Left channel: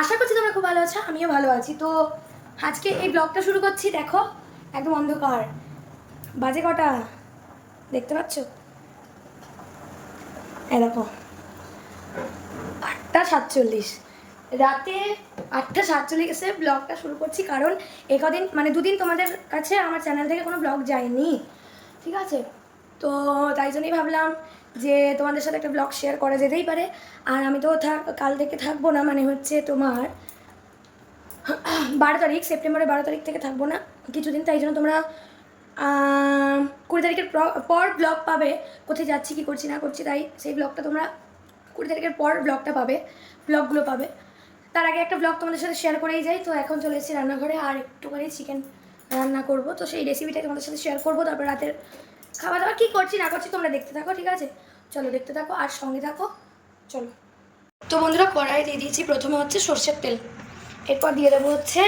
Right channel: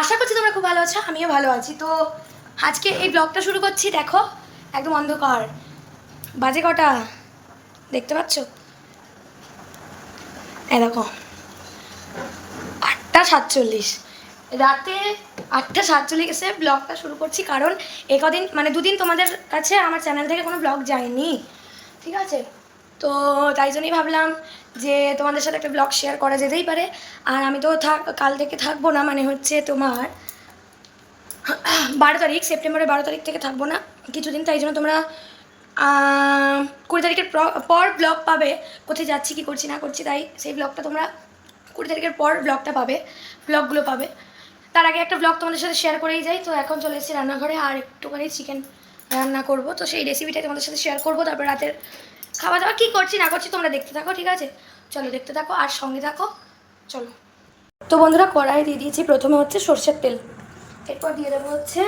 আশা করছি তোমরা খুব ভালো আছো, আমিও ভালো আছি। তো আজকে এই ব্লগটা শুরু করছি, দেখো, একদম অন্ধকার। বাজে কটা? দেখতে পাচ্ছ? দেখো, আটটা সাতচল্লিশ। রাতে আটটা সাতচল্লিশে ব্লগটা শুরু করছি, কারণ এ কদিন মানে দুদিন তোমাদের কাছে আমার চ্যানেল থেকে কোনো ব্লগ যায়নি। ঠিক আছে? তো তাই জন্যই ভাবলাম যে তোমাদের সাথে একটা ব্লগ শেয়ার করা যেতেই পারে। আর আমি তো থাক, কাল থেকে থাকব না মানে হচ্ছে তোমার বারো তারিখ, সেপ্টেম্বরের বারো তারিখ থেকে থাকব না। কিছুদিন, তাই জন্য তোমরা কুড়ি তারিখের পর ব্লগ পাবে। কোথায় যাচ্ছি, কি করছি, না করছি, তাই সেই ব্লগটা তোমরা কুড়ি তারিখের পর ব্লগটা পাবে ব্লগগুলো পাবে। তার আগে একটা ব্লগ তোমাদের সাথে শেয়ার করেই যাই। তো এখন চলে এসেছি রান্নাঘরে, আর একটুখানি চিকেন রান্না করব। তো সেই রেসিপিটা তোমাদের সাথে শেয়ার করব, তারপর রাতের খাওয়া দাওয়া কী করছি, না করছি তোমরা দেখতে থাকো, ঠিক আছে? চলো দেখতে থাকো আর সঙ্গে থাকো, চলো। তো বন্ধুরা কড়াই দিয়ে দিয়েছি প্রথমে হচ্ছে সর্ষের তেল। এরপর দিয়ে দেবো হচ্ছে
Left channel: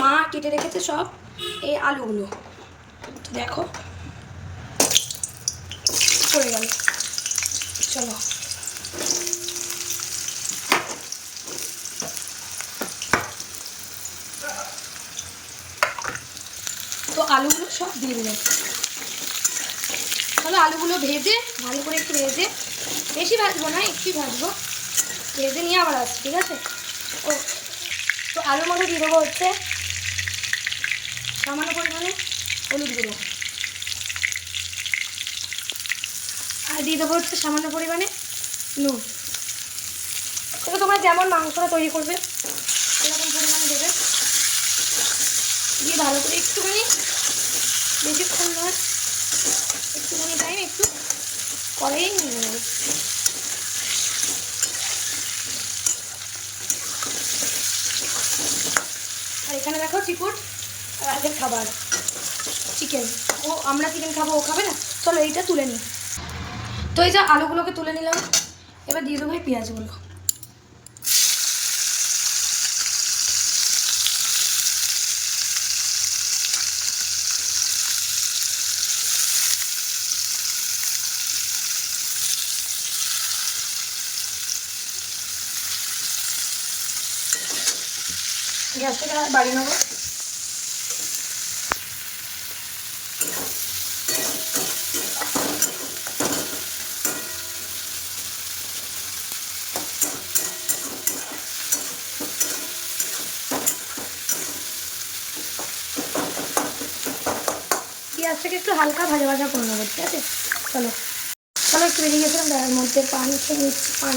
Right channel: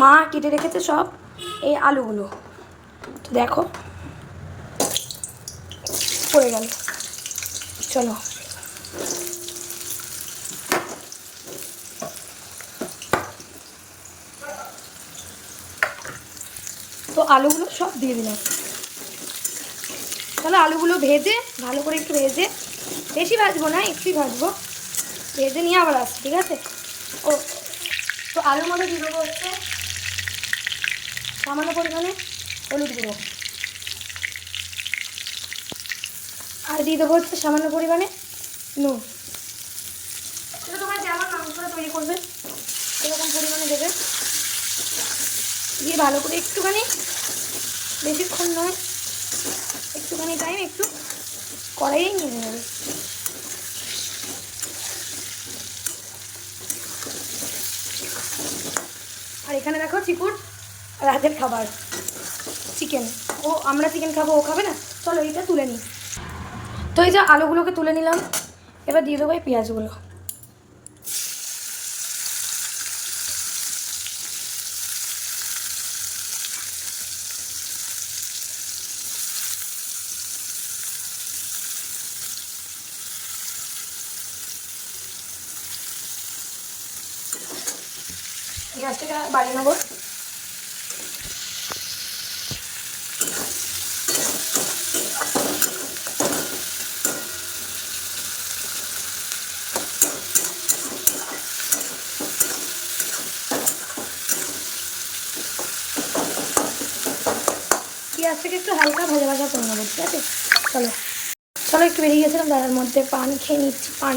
মা কেটে রেখেছে সব এই আলুগুলো। তো দেখো, পড়ে গেল। চলো। তো আলুগুলো সব দিয়ে দিলাম। তাহলে আলুগুলো ভেজে, ভালো করে একটু ভেজে, বেশি ভাজবো না একটুই ভাজবো। ভেজে নিয়ে আবার আসছি, ঠিক আছে? ও, তো আলুর মধ্যে দিয়ে দেবো হচ্ছে সামান্য পরিমাণে হলুদ গুঁড়ো। আর দিয়ে দেবো হচ্ছে সামান্য পরিমাণে নুন। এটা তোমরা যেমন মাংসটা তৈরি করবে, সেরকম পরিমাণে দেবে। দিয়ে ভালো করে একটুখানি, বেশিক্ষণ নয় একটুখানি টাইম একটু কড়াইয়েই নিয়ে নেবে। আর এখানে দেখো চিকুর রাতের খাবার চিকেন ও, আমরা চিকেন খাব, ও খাবে না? চলো এইটা তুলে নিই। তো এই যে আলুগুলোকে তুলে নিলাম, এবার দিয়ে দেবো এই পেঁয়াজগুলো। গ্যাসটাকে বাড়িয়ে নেব। পেঁয়াজটাকে একটু হালকা ভাজা ভাজা করে নেব, ঠিক আছে? চলো। চলো, একটু বেরিয়ে গেছিলাম তার মধ্যে পান খেয়ে নিচ্ছি, পান।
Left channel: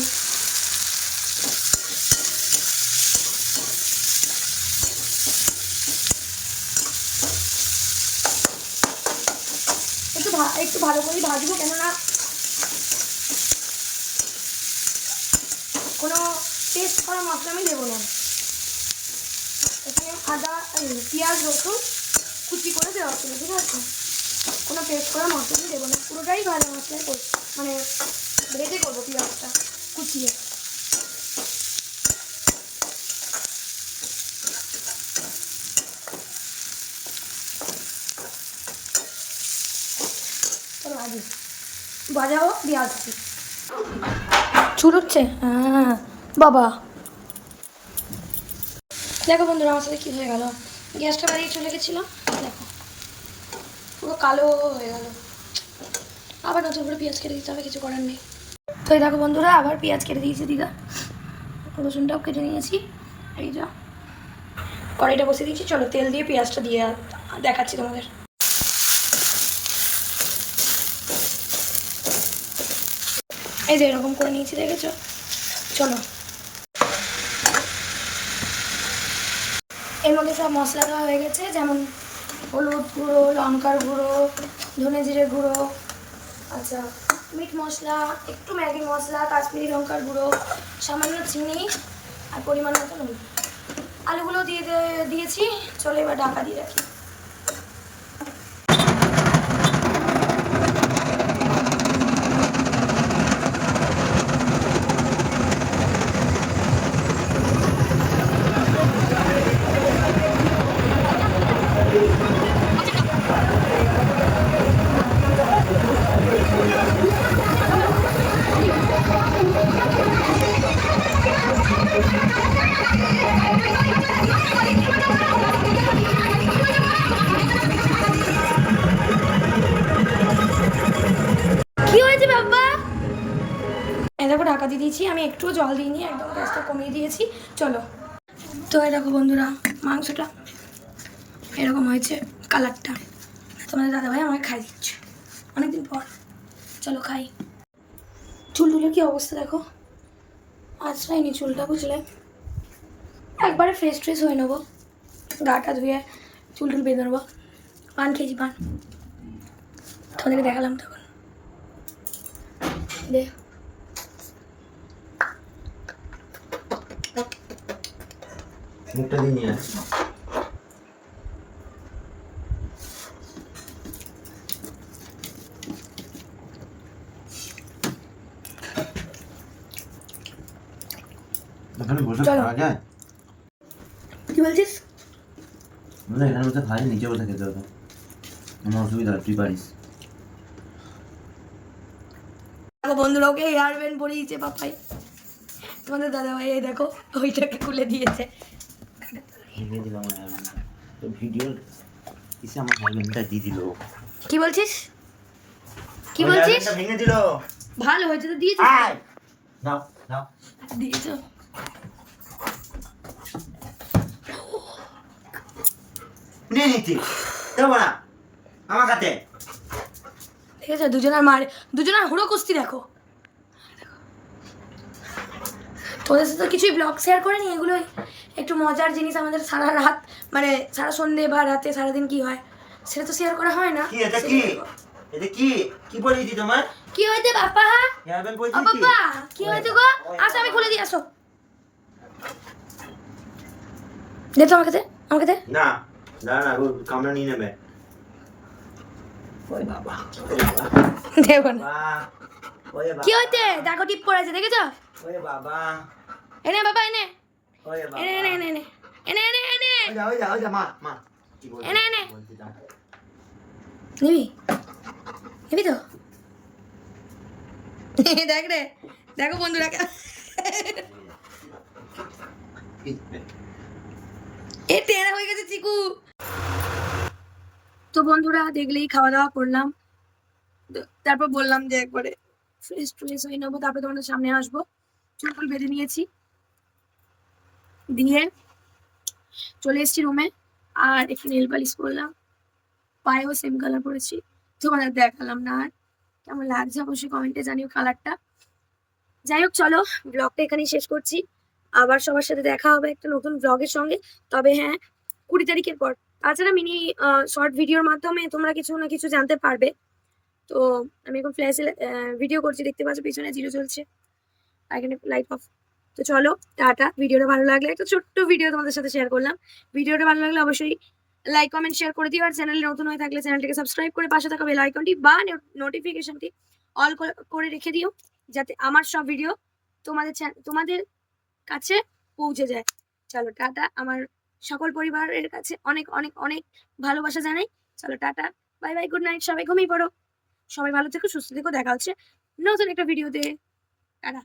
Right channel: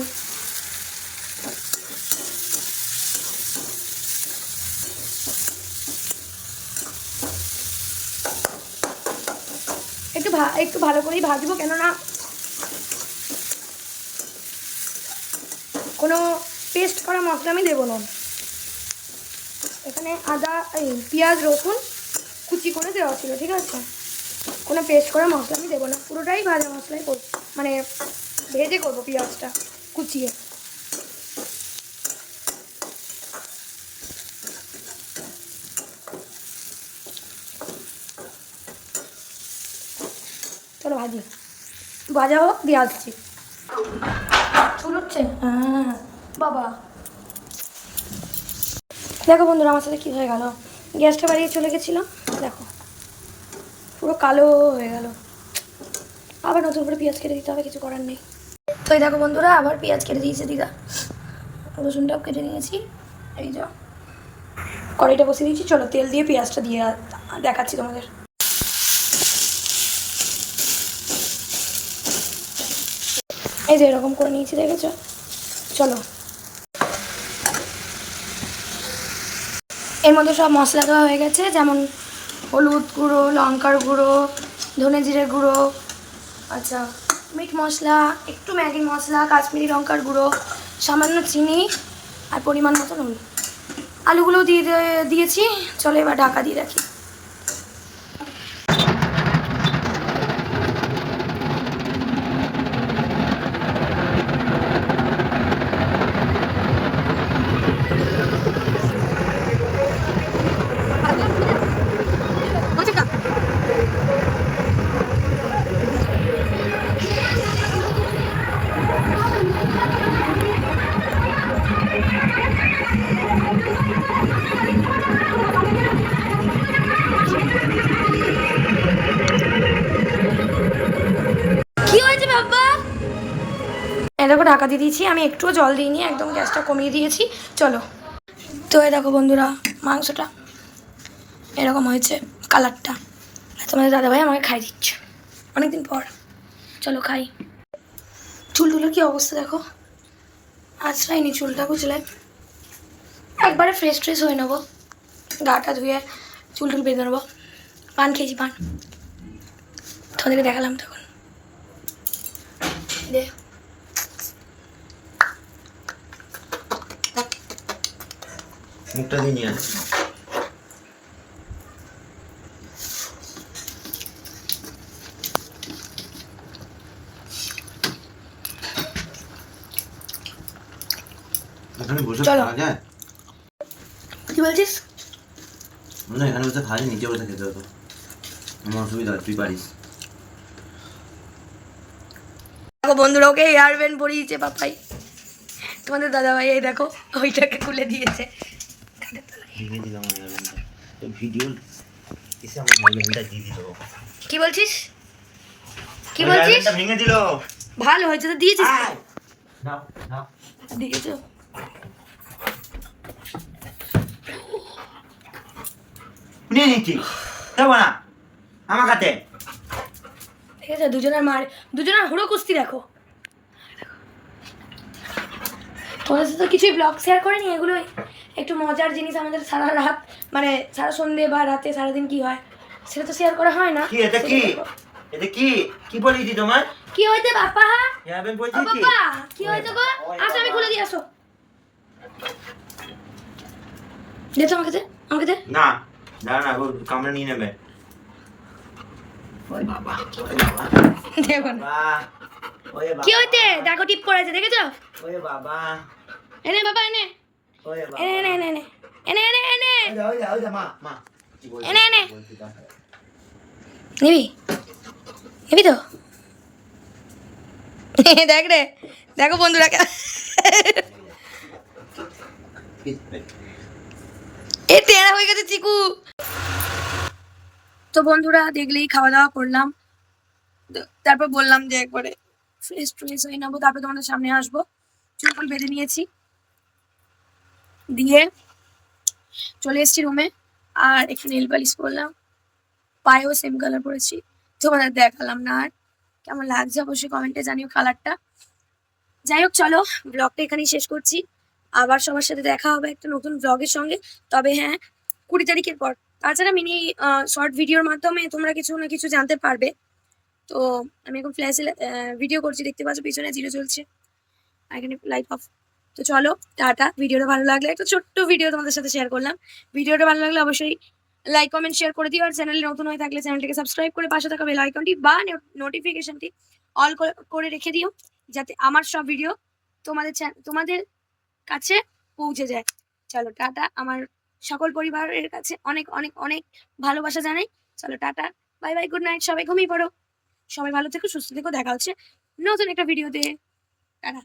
একটু ভালো করেই ভাজবো, কেননা কোনো পেস্ট করা মশলা আমি দেবো না। এখানে আদা পেঁয়াজ, রসুন কুচি করে দেওয়া ছিল, ঠিক আছে? কোনো পেস্ট করা মশলা আমি দেবো না, পুরোটাই ভাজা মশলাই করব মানে ভেজে করব পেঁয়াজটা কুচিয়ে চলো ভাজি ভাজা হোক দিয়ে আসছি। চুল হচ্ছে? হ্যাঁ। বাবা। দেখো বন্ধুরা, আমার সাথে কী হয়ে গেল? গ্যাসটা বাড়িয়ে চলে গেছিলাম। দেখো। পুরো কালো হয়ে গেল। আবার নতুন করে পেঁয়াজ কেটে দিতে হবে, কিছু করার নেই। তো এই দেখো বন্ধুরা, আবার পেঁয়াজ কেটে দিয়েছে দিদা। রসুনটাও কেটে নিয়েছি। এই যা। কড়াইটা বসিয়ে দিয়েছি। চলো তেল দিয়ে পেঁয়াজটা দিয়ে দেখাচ্ছি তোমাদের। এই যে এরকম করে নিয়েছি, দেখেছ? চলো। এর মধ্যে সব মশলা দেওয়া হয়ে গেছে, যেমন হলুদ গুঁড়ো, লঙ্কার গুঁড়ো, ধনে জিরে গুঁড়ো আচ্ছা মিট মশলা, একটু ম্যাগি মশলা, কাশ্মীরি লঙ্কার গুঁড়ো, সামান্য চিনি আর পরিমাণ মতো নুন। আলুগুলো দিয়ে দিয়েছি, চলো এবার ঢাকা দিয়ে রাখি। দেখো ঢাকা দিয়ে দিয়েছি, আমি একটুও জল দিইনি, একদম গ্যাসটা কমিয়ে দিয়েছি, চলো। তো এই দেখো বন্ধুরা, মাংসটা এরকম হয়েছে, কালারটা। তোমাদের দাদাভাই আমাকে খাই দিচ্ছে, অনেকদিন পর। চলো খাই। চুল টুলের কি অবস্থা দেখো? আশ্রয়নি চুলটা, বুঝলে? একবারে ফ্রেশ ট্রেশ হয়ে নেব। গাটা ধুয়ে চুল টুল বেঁধে নেব। পান খেয়েছি, পান। তোমাদেরকে দেখালাম তখন। দে। মুখটা দিয়ে নিয়ে আয়। এখানে বসে খাওয়া যায়? কি বলছিস? না এখানে বসে খাওয়া যায় নিচে বসে খেতে হতো আমার অসুবিধা তুই পারিস। দেখো বন্ধুরা ওকে হেয়ার ব্যান্ড পরিয়েছে পাপাই। তোমাদের দাদা ভাই এই দেখো ওইটাকে খুলে দিয়েছে। ভেঙে দিলাম তো ভিডিও এসে আমার দিয়ে দিল। কি বলছিস? কি বলছিস? ভেঙে দিল। ভালো হয়েছে তো দিয়েছিস দাও দাও। দিয়েছ। নিয়ে নিচ্ছি। দেবো না। আমার কাছে ঠিক আছে দুজনের মার দুজনের হুড়ো কুস্তি দেখো। তোদের সাথে কিছুই ব্লগ শেয়ার করিনি এগুলোই। একটু মজার জিনিস আমাদের সারা রাত মানে সারা সন্ধে বা রাতে সারাদিন কি হয়? সেটা তো শেয়ার করা হয় না। কি এটা কি? দেখো। এটা কি? কি বলেছি তোমার কি হেয়ারব্যান্ড ও বলছি কি কি? হয়েছে গো? আসো আমি খুলে দিয়ে আসো। দে তো আমাকে দে আমাকে দে। না না ও কামড়ে নিয়ে নেবে। ওই বাবা দেবো না। কি দেখো টিপ করেছে দেখেছ? ওই বাবা। এনে বাবা এনে। এনে এনে এনে এনে এনে এনে এনে ওই যা ওই যা ওই যা মা মা কি বলছিস? এনে, এনে। নিবি নিবি তো দেখ রে দেখো বন্ধুরা কে- এ তেরা হয়ে গেছে চিকু তো বন্ধুরা দেখলেই খাওয়া দাওয়া করলাম। তারপর বললাম যে একবারে ফ্রেশ ট্রেশ হয়ে নেব তারপর তোমাদের সামনে আসব। চুল বেঁধে নিয়েছি। দিয়ে চলে এসেছি রুমে আর একটু নেল পালিশ করলাম। পায়েও সেম কালার পরেছি। তোমাদের দেখালাম না আর। কেমন লাগছে অবশ্যই কমেন্টে জানিও কালারটা যাই হোক, চলো ব্লগটা এখানেই শেষ করছি। আবার সবার সাথে দেখা হবে একটা নতুন ব্লগের সঙ্গে। তবে হ্যাঁ কুড়ি তারিখের পর। তাছাড়া মিনি শর্ট ভিডিওর মাধ্যমে তোমরা কিছু না কিছু জানতে পারবে। তো আমি এখন ফ্ল্যাশে ভিডিও করছি। দেখতে পাচ্ছ, পিছনে জিরো চলছে। এখানে লাইট অফ তো চলো, টাটা। ভিডিওটা ভালো লাগলে একটা ছোট্ট ভিডিও তোমাদের সাথে শেয়ার করলাম। ভিডিওটা ভালো লাগলে অবশ্যই লাইক কমেন্ট শেয়ার করে দিও। আর চ্যানেলে নতুন হয়ে থাকলে চ্যানেলটাকে সাবস্ক্রাইব করে পাশে থাকা বেল আইকনটি বা নোটিফিকেশনটি অল করে রেখে দিও, যাতে আমার সব ভিডিও তোমাদের তোমাদের কাছে পৌঁছে যায়। চলো, টাটা। আমার সকল পরিবারের কাছে অনেক অনেক অনেক ভালোবাসা জানাই। চলো, tata. Bye bye good night সবাই ঘুমিয়ে পড়ো। সবাই ভালো থেকো, সুস্থ থেকো। দেখা হচ্ছে নতুন একটা ভিডিওতে টাটা।